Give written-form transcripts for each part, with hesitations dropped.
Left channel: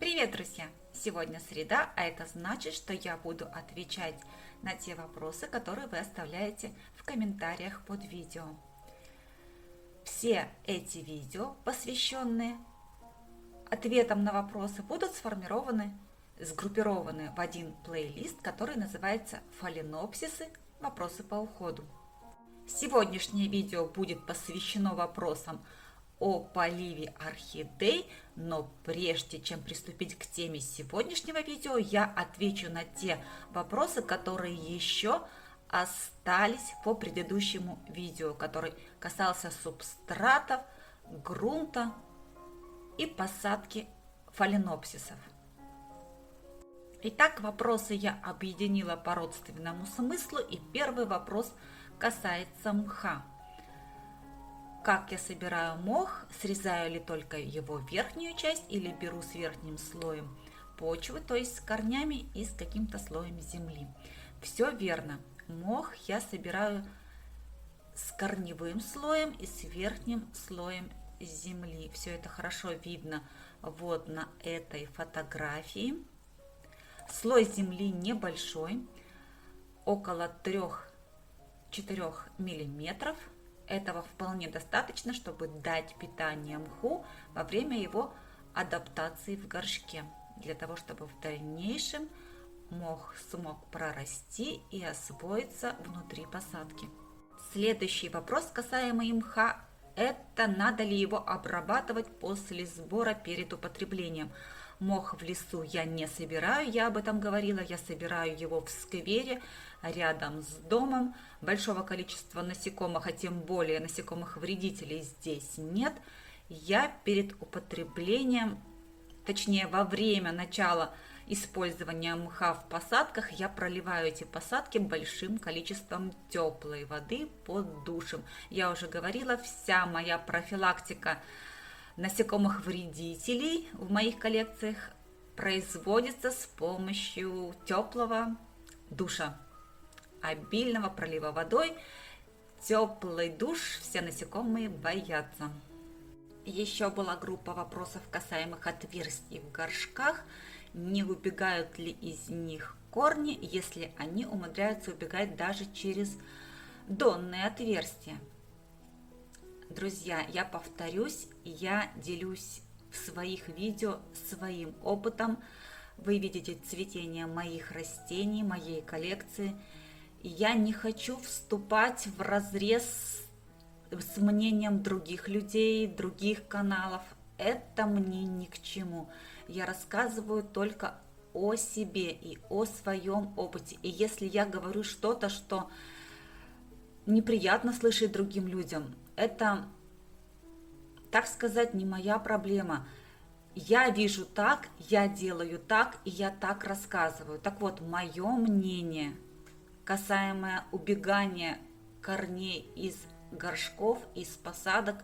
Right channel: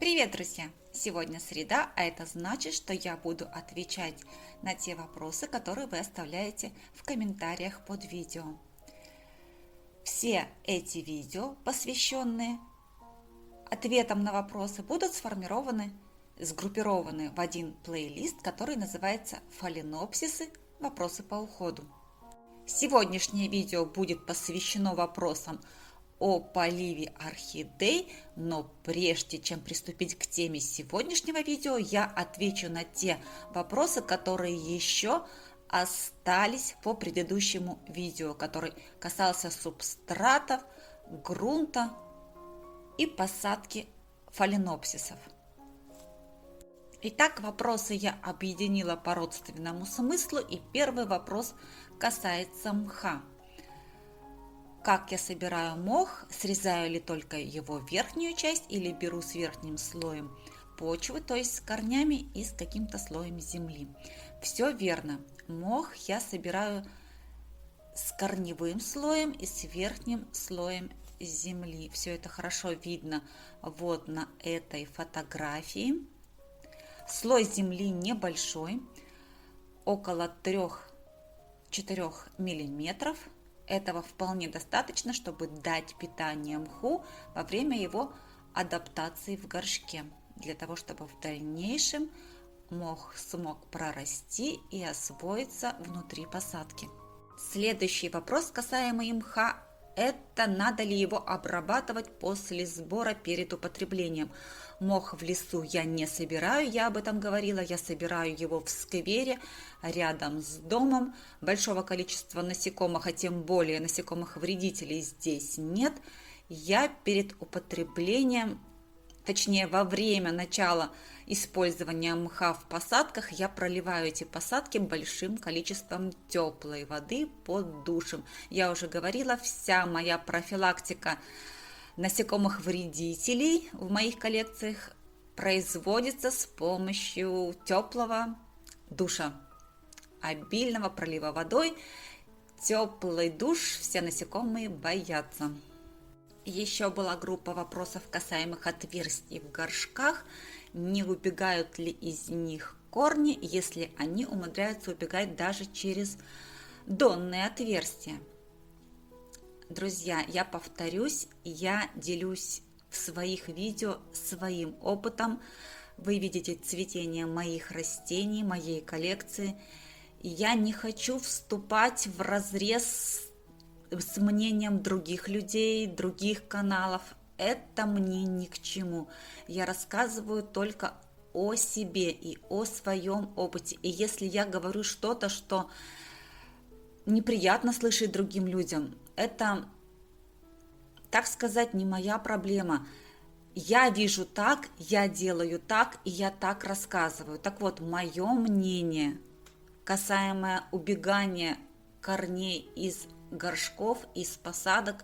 Привет, друзья! Сегодня среда, а это значит, что я буду отвечать на те вопросы, которые вы оставляете в комментариях под видео. Все эти видео, посвященные ответам на вопросы, будут сгруппированы в один плейлист, который называется «Фаленопсисы. Вопросы по уходу». Сегодняшнее видео будет посвящено вопросам о поливе орхидей, но прежде чем приступить к теме сегодняшнего видео, я отвечу на те вопросы, которые еще остались по предыдущему видео, который касался субстратов, грунта и посадки фаленопсисов. Итак, вопросы я объединила по родственному смыслу, и первый вопрос касается мха. Как я собираю мох? Срезаю ли только его верхнюю часть или беру с верхним слоем почвы, то есть с корнями и с каким-то слоем земли? Все верно. Мох я собираю с корневым слоем и с верхним слоем земли. Все это хорошо видно вот на этой фотографии. Слой земли небольшой, около 3-4 миллиметров. Этого вполне достаточно, чтобы дать питание мху во время его адаптации в горшке, для того, чтобы в дальнейшем мох смог прорасти и освоиться внутри посадки. Следующий вопрос, касаемый мха, это надо ли его обрабатывать после сбора перед употреблением. Мох в лесу я не собираю, я об этом говорила, я собираю его в сквере рядом с домом. Большого количества насекомых, а тем более насекомых вредителей здесь нет. Я перед употреблением, точнее во время начала использования мха в посадках, я проливаю эти посадки большим количеством теплой воды под душем. Я уже говорила, вся моя профилактика насекомых вредителей в моих коллекциях производится с помощью теплого душа, обильного пролива водой. Теплый душ все насекомые боятся. Еще была группа вопросов, касаемых отверстий в горшках. Не убегают ли из них корни, если они умудряются убегать даже через донные отверстия? Друзья, я повторюсь, я делюсь в своих видео своим опытом. Вы видите цветение моих растений, моей коллекции. Я не хочу вступать в разрез с мнением других людей, других каналов. Это мне ни к чему. Я рассказываю только о себе и о своем опыте. И если я говорю что-то, что неприятно слышать другим людям, это, так сказать, не моя проблема. Я вижу так, я делаю так, и я так рассказываю. Так вот, мое мнение, касаемое убегания корней из горшков, из посадок,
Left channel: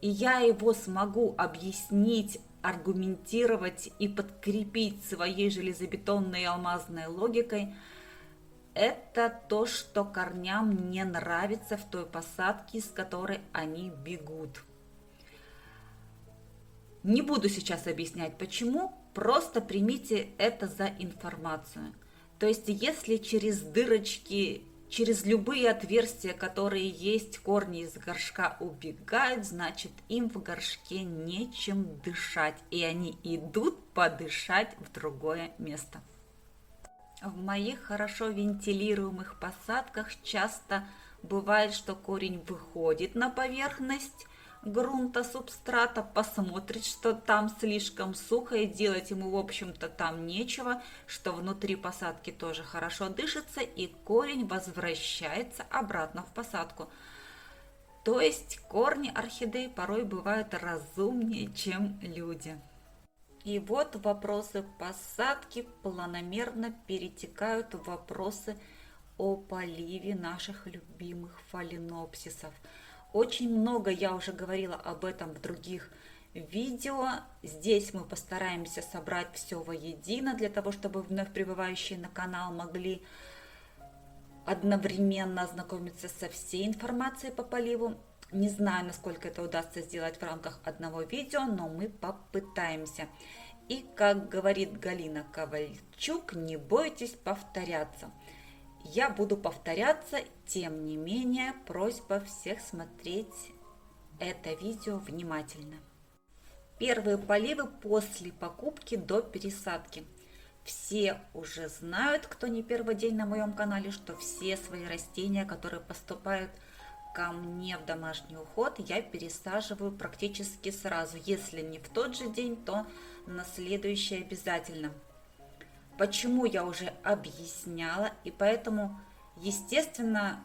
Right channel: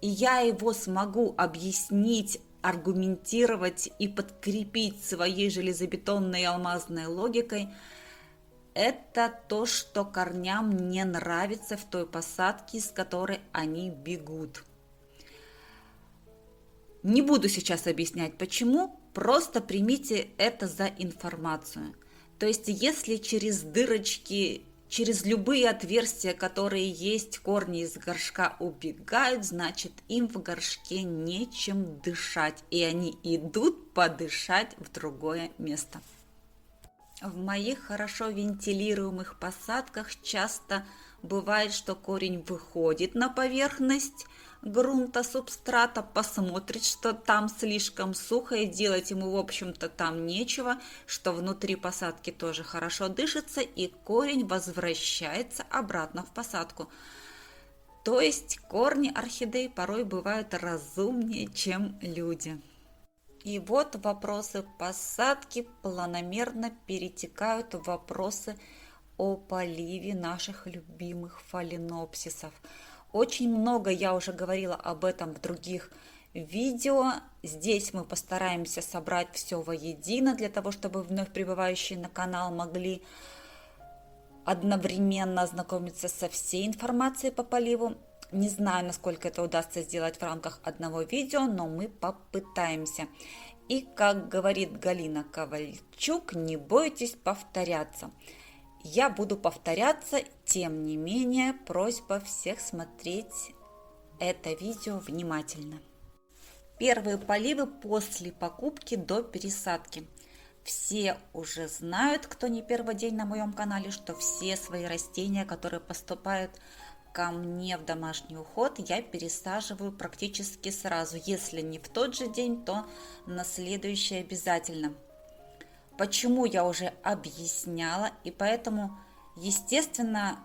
и я его смогу объяснить, аргументировать и подкрепить своей железобетонной и алмазной логикой, это то, что корням не нравится в той посадке, с которой они бегут. Не буду сейчас объяснять почему, просто примите это за информацию. То есть, если через дырочки, через любые отверстия, которые есть, корни из горшка убегают, значит, им в горшке нечем дышать, и они идут подышать в другое место. В моих хорошо вентилируемых посадках часто бывает, что корень выходит на поверхность грунта, субстрата, посмотрит, что там слишком сухо, и делать ему, в общем-то, там нечего, что внутри посадки тоже хорошо дышится, и корень возвращается обратно в посадку. То есть корни орхидей порой бывают разумнее, чем люди. И вот вопросы посадки планомерно перетекают в вопросы о поливе наших любимых фаленопсисов. Очень много я уже говорила об этом в других видео. Здесь мы постараемся собрать все воедино, для того, чтобы вновь прибывающие на канал могли одновременно ознакомиться со всей информацией по поливу. Не знаю, насколько это удастся сделать в рамках одного видео, но мы попытаемся. И, как говорит Галина Ковальчук, не бойтесь повторяться. Я буду повторяться, тем не менее, просьба всех смотреть это видео внимательно. Первые поливы после покупки до пересадки. Все уже знают, кто не первый день на моем канале, что все свои растения, которые поступают ко мне в домашний уход, я пересаживаю практически сразу. Если не в тот же день, то на следующий обязательно. Почему, я уже объясняла, и поэтому, естественно,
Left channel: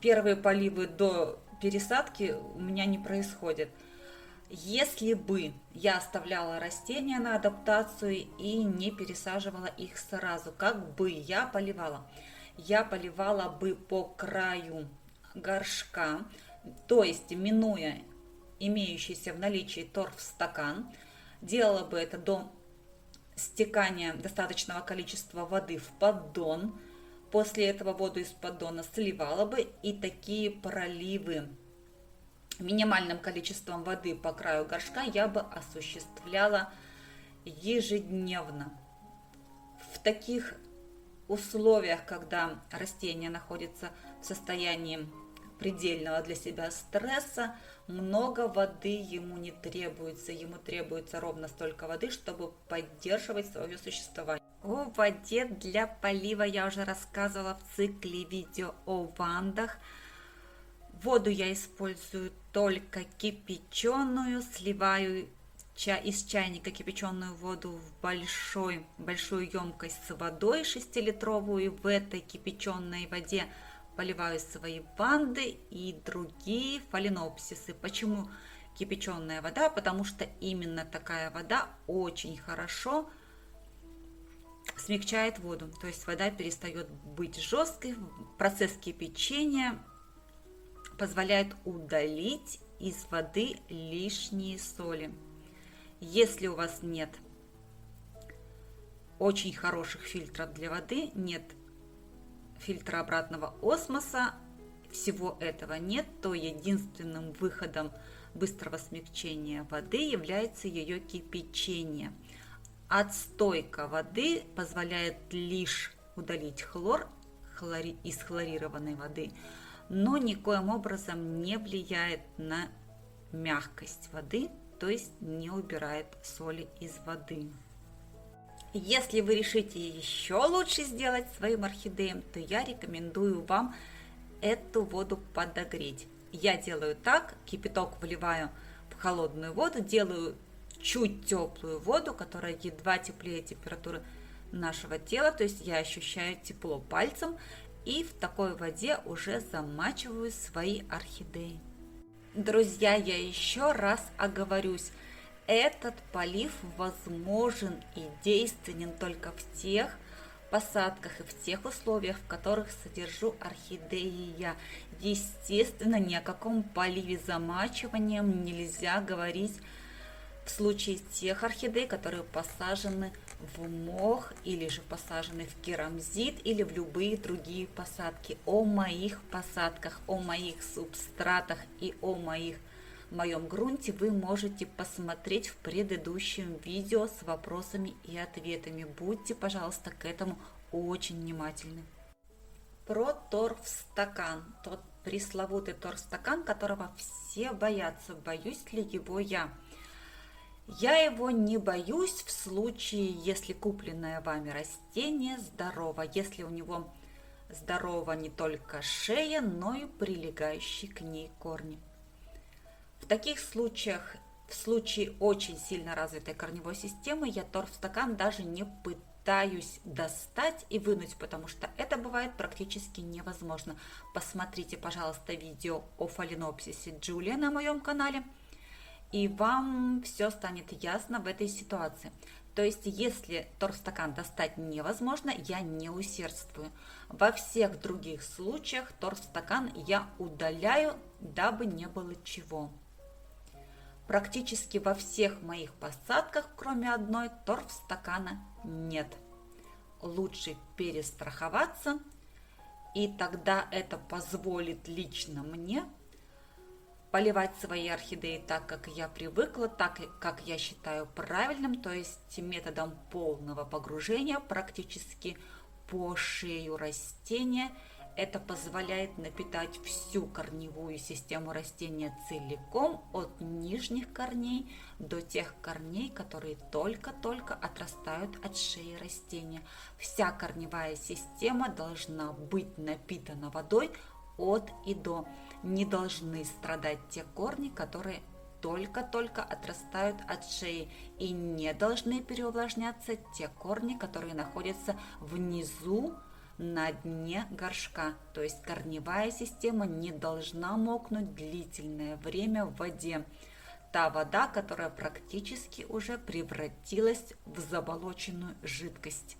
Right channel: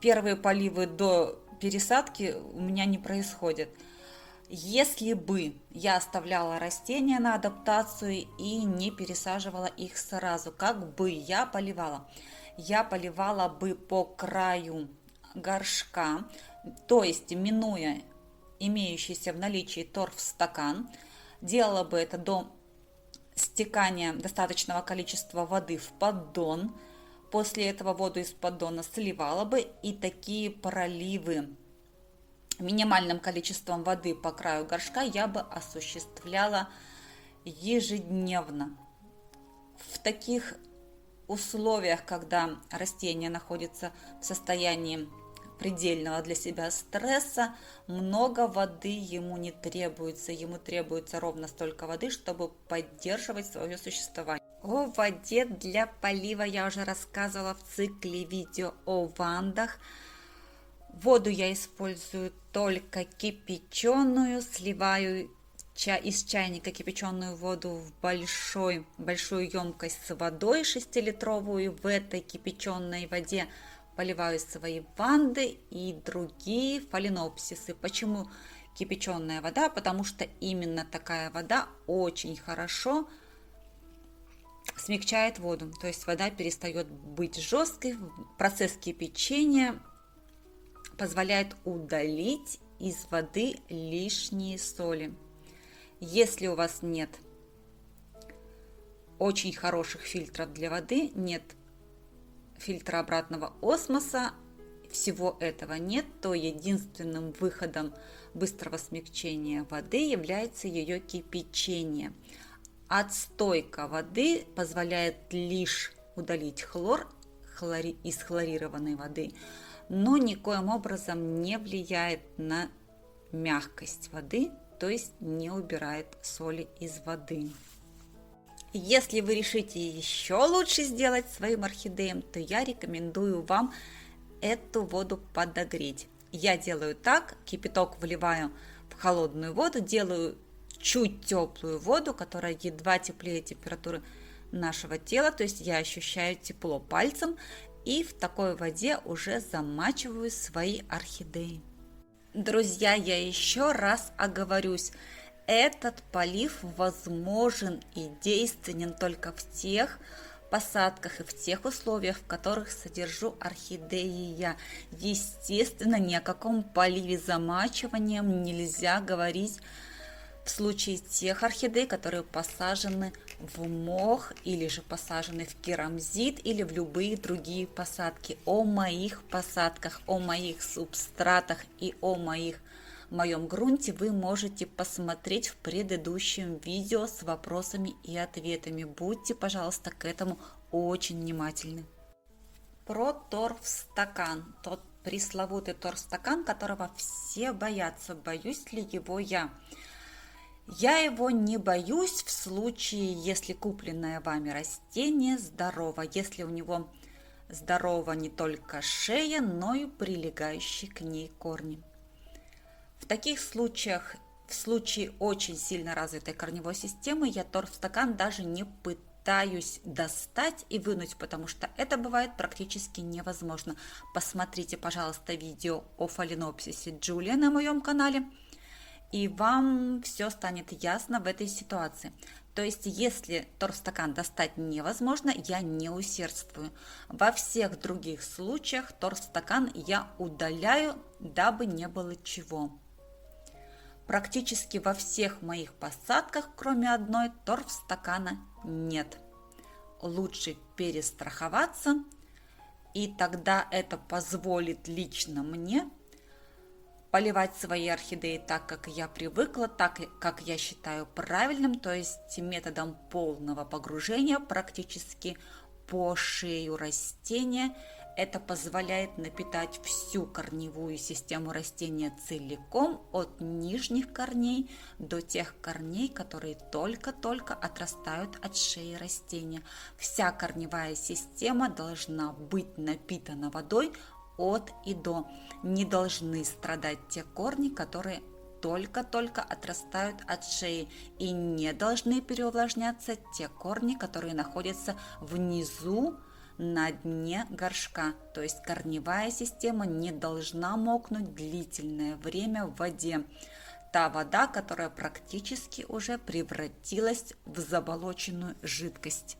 первые поливы до пересадки у меня не происходят. Если бы я оставляла растения на адаптацию и не пересаживала их сразу, как бы я поливала? Я поливала бы по краю горшка, то есть минуя имеющийся в наличии торфстакан, делала бы это до стекания достаточного количества воды в поддон. После этого воду из поддона сливала бы, и такие проливы минимальным количеством воды по краю горшка я бы осуществляла ежедневно. В таких условиях, когда растение находится в состоянии предельного для себя стресса, много воды ему не требуется. Ему требуется ровно столько воды, чтобы поддерживать свое существование. О воде для полива я уже рассказывала в цикле видео о вандах. Воду я использую только кипяченую, сливаю из чайника кипяченую воду в большую емкость с водой 6-литровую. В этой кипяченой воде поливаю свои ванды и другие фаленопсисы. Почему кипяченая вода? Потому что именно такая вода очень хорошо смягчает воду. То есть вода перестает быть жесткой. Процесс кипячения позволяет удалить из воды лишние соли. Если у вас нет очень хороших фильтров для воды, нет фильтра обратного осмоса, всего этого нет, то единственным выходом быстрого смягчения воды является ее кипячение. Отстойка воды позволяет лишь удалить хлор из хлорированной воды, но никоим образом не влияет на мягкость воды, то есть не убирает соли из воды. Если вы решите еще лучше сделать своим орхидеям, то я рекомендую вам эту воду подогреть. Я делаю так: кипяток выливаю в холодную воду, делаю чуть теплую воду, которая едва теплее температуры нашего тела, то есть я ощущаю тепло пальцем, и в такой воде уже замачиваю свои орхидеи. Друзья, я еще раз оговорюсь, этот полив возможен и действенен только в тех посадках и в тех условиях, в которых содержу орхидеи я. Естественно, ни о каком поливе замачиванием нельзя говорить в случае тех орхидей, которые посажены в мох или же посажены в керамзит или в любые другие посадки. О моих посадках, о моих субстратах и о моем грунте вы можете посмотреть в предыдущем видео с вопросами и ответами. Будьте, пожалуйста, к этому очень внимательны. Про торфстакан, тот пресловутый торфстакан, которого все боятся. Боюсь ли его я? Я его не боюсь в случае, если купленное вами растение здорово, если у него здорова не только шея, но и прилегающие к ней корни. В таких случаях, в случае очень сильно развитой корневой системы, я торфстакан даже не пытаюсь достать и вынуть, потому что это бывает практически невозможно. Посмотрите, пожалуйста, видео о фаленопсисе Джулия на моем канале, и вам все станет ясно в этой ситуации. То есть, если торфстакан достать невозможно, я не усердствую. Во всех других случаях торфстакан я удаляю, дабы не было чего. Практически во всех моих посадках, кроме одной, торфстакана нет. Лучше перестраховаться, и тогда это позволит лично мне поливать свои орхидеи так, как я привыкла, так, как я считаю правильным, то есть методом полного погружения практически по шею растения. Это позволяет напитать всю корневую систему растения целиком, от нижних корней до тех корней, которые только-только отрастают от шеи растения. Вся корневая система должна быть напитана водой от и до. Не должны страдать те корни, которые только-только отрастают от шеи, и не должны переувлажняться те корни, которые находятся внизу на дне горшка. То есть корневая система не должна мокнуть длительное время в воде. Та вода, которая практически уже превратилась в заболоченную жидкость.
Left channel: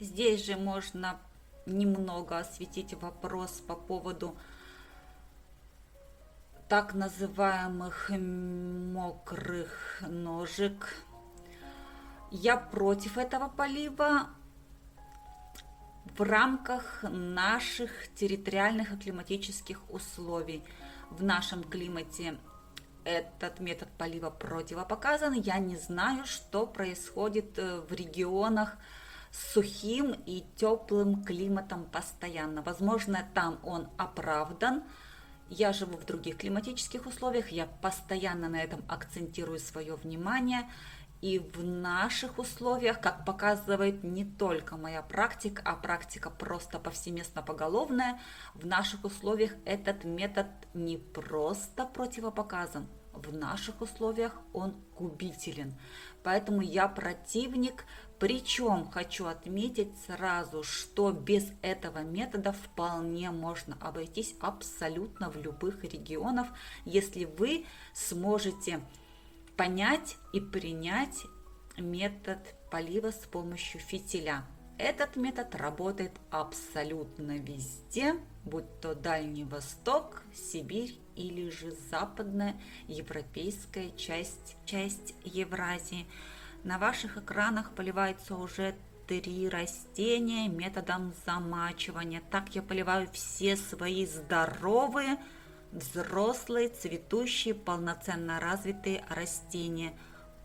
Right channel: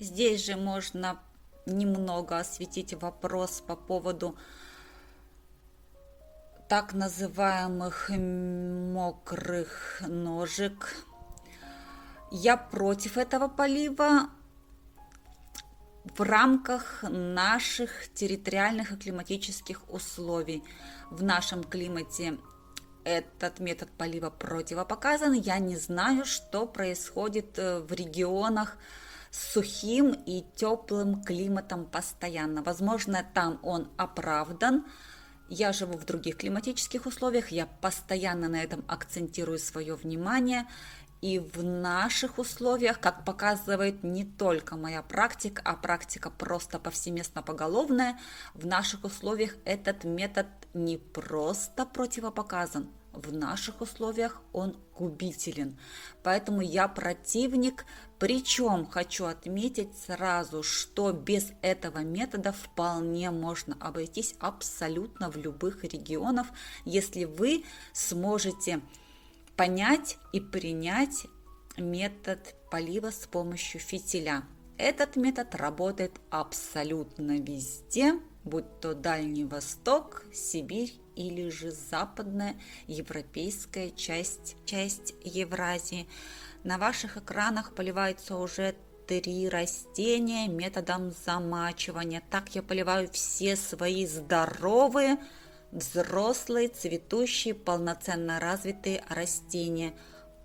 Здесь же можно немного осветить вопрос по поводу так называемых мокрых ножек. Я против этого полива в рамках наших территориальных и климатических условий. В нашем климате этот метод полива противопоказан. Я не знаю, что происходит в регионах с сухим и теплым климатом постоянно. Возможно, там он оправдан. Я живу в других климатических условиях, я постоянно на этом акцентирую свое внимание. И в наших условиях, как показывает не только моя практика, а практика просто повсеместно поголовная, в наших условиях этот метод не просто противопоказан, в наших условиях он губителен. Поэтому я противник, причем хочу отметить сразу, что без этого метода вполне можно обойтись абсолютно в любых регионах, если вы сможете понять и принять метод полива с помощью фитиля. Этот метод работает абсолютно везде, будь то Дальний Восток, Сибирь или же западная европейская часть Евразии. На ваших экранах поливается уже 3 растения методом замачивания. Так я поливаю все свои здоровые, взрослые, цветущие, полноценно развитые растения,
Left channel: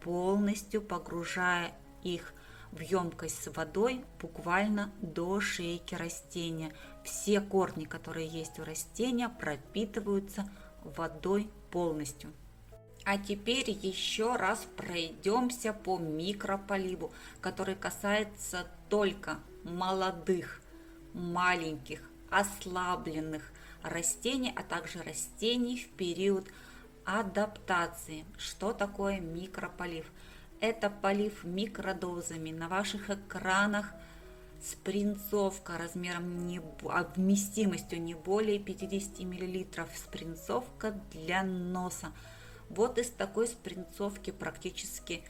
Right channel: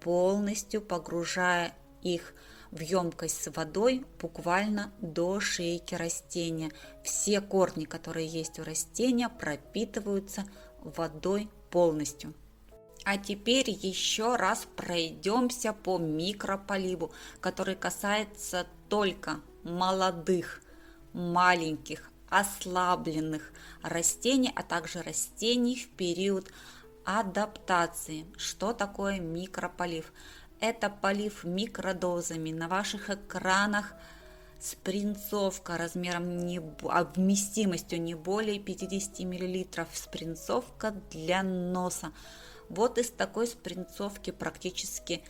полностью погружая их в емкость с водой буквально до шейки растения. Все корни, которые есть у растения, пропитываются водой полностью. А теперь еще раз пройдемся по микрополиву, который касается только молодых, маленьких, ослабленных растений, а также растений в период адаптации. Что такое микрополив? Это полив микродозами. На ваших экранах спринцовка размером вместимостью не более 50 мл, спринцовка для носа. Вот из такой спринцовки практически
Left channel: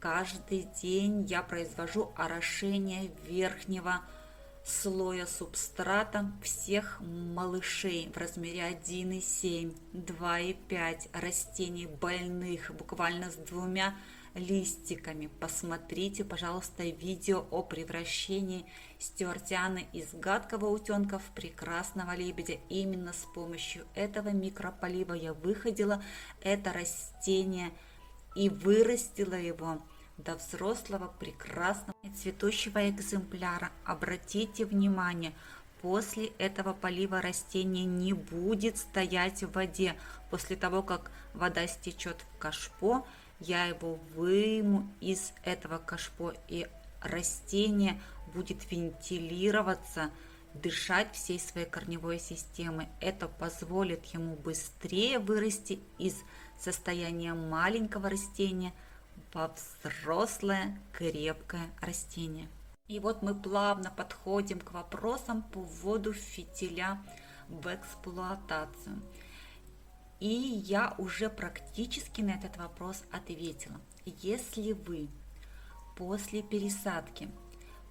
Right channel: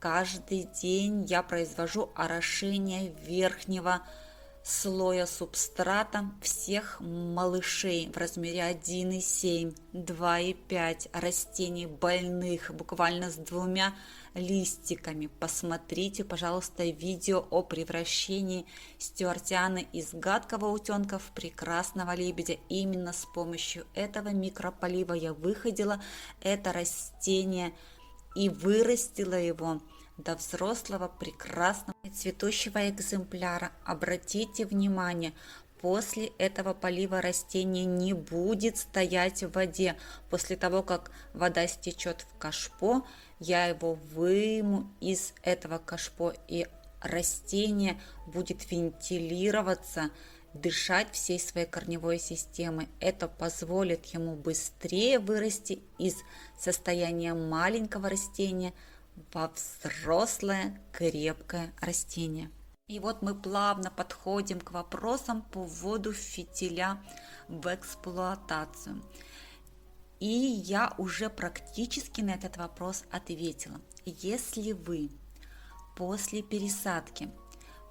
каждый день я произвожу орошение верхнего слоя субстрата всех малышей в размере 1,7, 2,5 растений больных, буквально с 2 листиками. Посмотрите, пожалуйста, видео о превращении стюартианы из гадкого утенка в прекрасного лебедя. Именно с помощью этого микрополива я выходила это растение и вырастила его до взрослого, прекрасного и цветущего экземпляра. Обратите внимание, после этого полива растение не будет стоять в воде. После того, как вода стечет в кашпо, я его выму из этого кашпо, и растение будет вентилироваться, дышать всей своей корневой системой. Это позволит ему быстрее вырасти из состояния маленького растения во взрослое крепкое растение. И вот мы плавно подходим к вопросам по вводу фитиля в эксплуатацию. И я уже практически на этот вопрос ответила. Если вы после пересадки,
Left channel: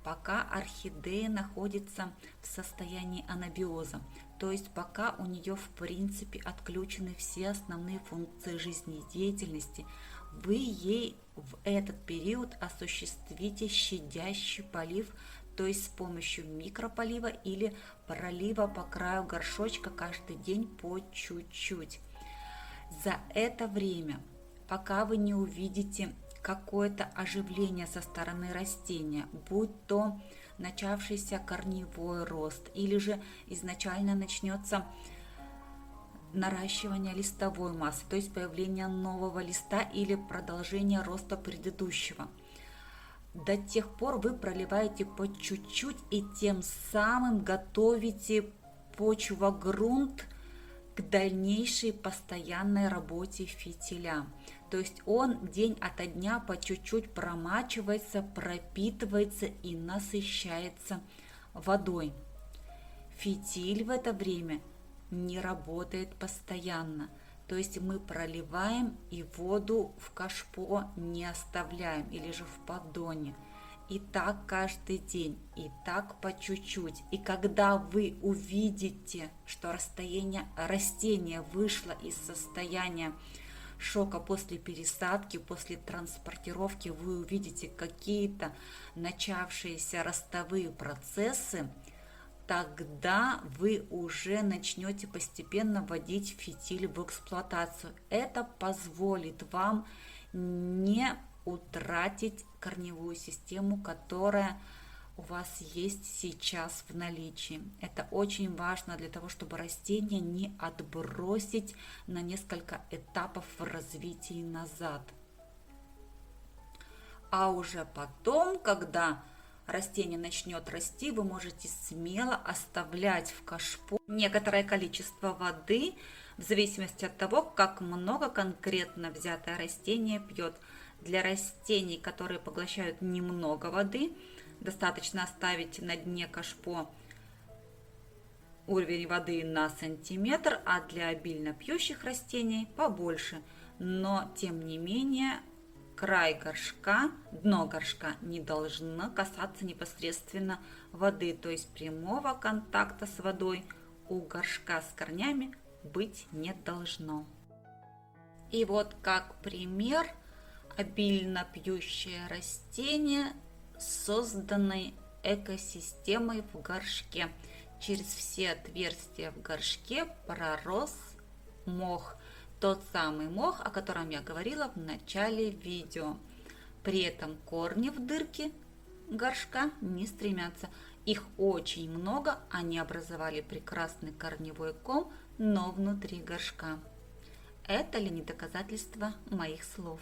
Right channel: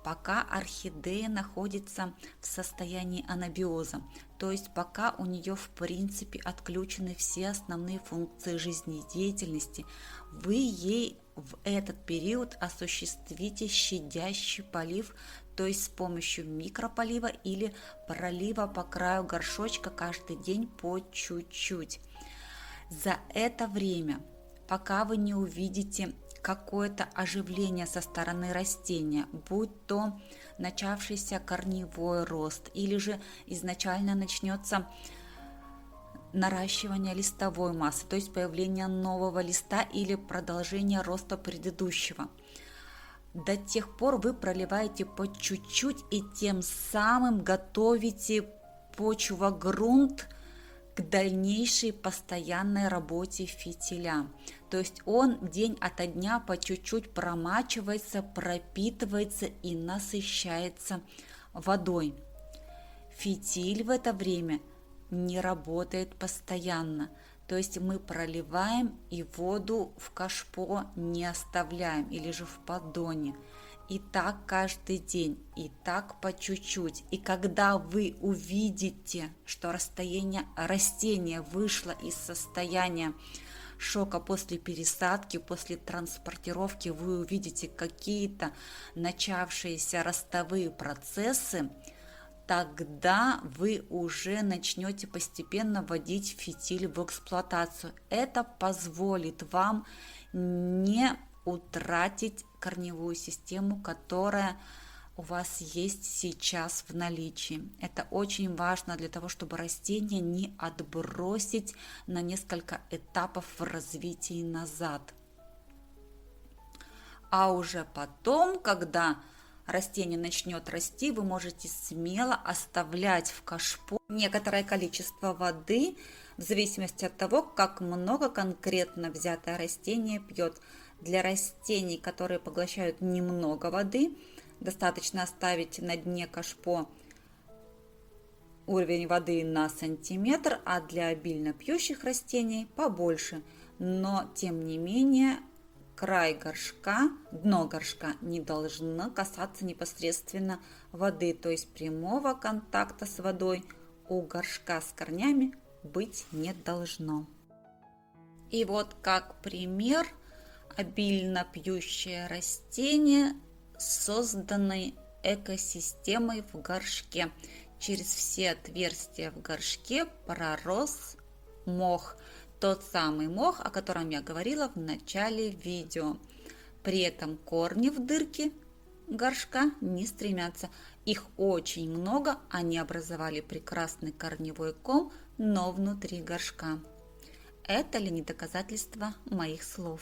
пока орхидея находится в состоянии анабиоза, то есть пока у нее в принципе отключены все основные функции жизнедеятельности, вы ей в этот период осуществите щадящий полив, то есть с помощью микрополива или пролива по краю горшочка каждый день по чуть-чуть. За это время, пока вы не увидите какое-то оживление со стороны растения, будь то начавшийся корневой рост или же изначально начнется наращивание листовой массы, то есть появление нового листа или продолжение роста предыдущего. До тех пор вы проливаете по чуть-чуть и тем самым готовите почву, грунт к дальнейшей постоянной работе фитиля. То есть он день ото дня по чуть-чуть промачивается, пропитывается и насыщается водой. Фитиль в это время не работает постоянно. То есть мы проливаем и воду в кашпо не оставляем или же в поддоне. И так каждый день, и так по чуть-чуть. И когда вы увидите, что растение вышло из состояния шока после пересадки, после транспортировки, вы увидите какие-то начавшиеся ростовые процессы, тогда вы уже начнете постепенно вводить фитиль в эксплуатацию. Это позволит вам не утратить корневую систему, которая у вас есть сейчас в наличии. Это очень важно для того, чтобы растение не отбросить на несколько этапов в развитии назад. А уже потом, когда растение начнет расти, вы можете смело оставлять в кашпо некоторое количество воды в зависимости от того, как много конкретно взятое растение пьет. Для растений, которые поглощают немного воды, достаточно оставить на дне кашпо уровень воды на сантиметр, а для обильно пьющих растений побольше. Но тем не менее край горшка, дно горшка не должно касаться непосредственно воды, то есть прямого контакта с водой у горшка с корнями быть не должно. И вот как пример обильно пьющее растение с созданной экосистемой в горшке. Через все отверстия в горшке пророс мох. Тот самый мох, о котором я говорила в начале видео. При этом корни в дырки горшка не стремятся. Их очень много, они образовали прекрасный корневой ком, но внутри горшка. Это ли не доказательство моих слов?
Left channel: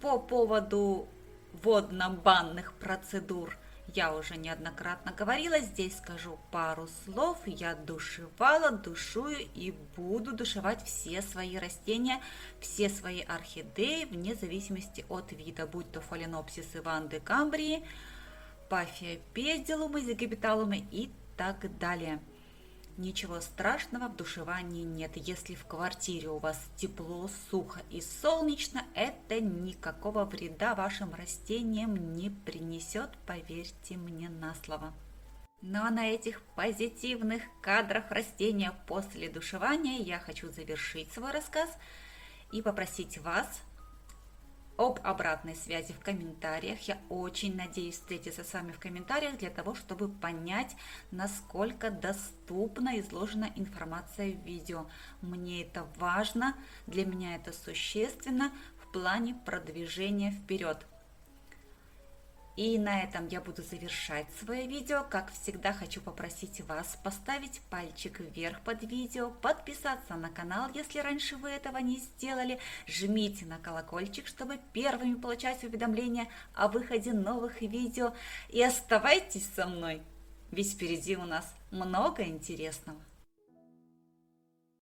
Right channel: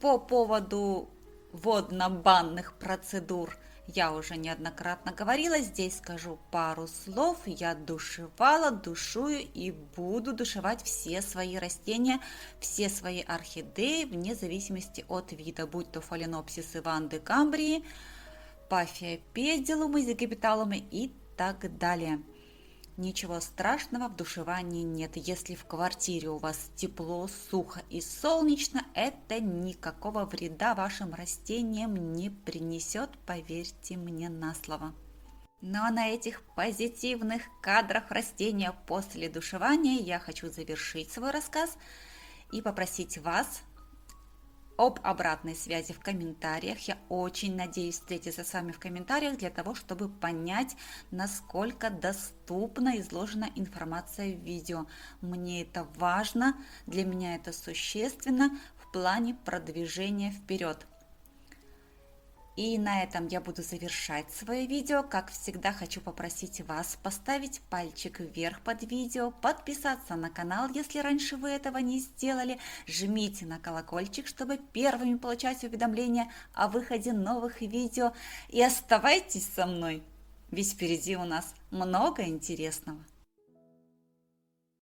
По поводу водно-банных процедур я уже неоднократно говорила, здесь скажу пару слов. Я душевала, душую и буду душевать все свои растения, все свои орхидеи, вне зависимости от вида, будь то фаленопсисы ванды камбрии, пафия педилумы, зигипеталумы и так далее. Ничего страшного в душевании нет. Если в квартире у вас тепло, сухо и солнечно, это никакого вреда вашим растениям не принесет, поверьте мне на слово. Ну а на этих позитивных кадрах растения после душевания я хочу завершить свой рассказ и попросить вас об обратной связи в комментариях. Я очень надеюсь встретиться с вами в комментариях для того, чтобы понять, насколько доступна изложена информация в видео. Мне это важно, для меня это существенно в плане продвижения вперед. И на этом я буду завершать свое видео. Как всегда, хочу попросить вас поставить пальчик вверх под видео, подписаться на канал, если раньше вы этого не сделали. Жмите на колокольчик, чтобы первыми получать уведомления о выходе новых видео. И оставайтесь со мной, ведь впереди у нас много интересного.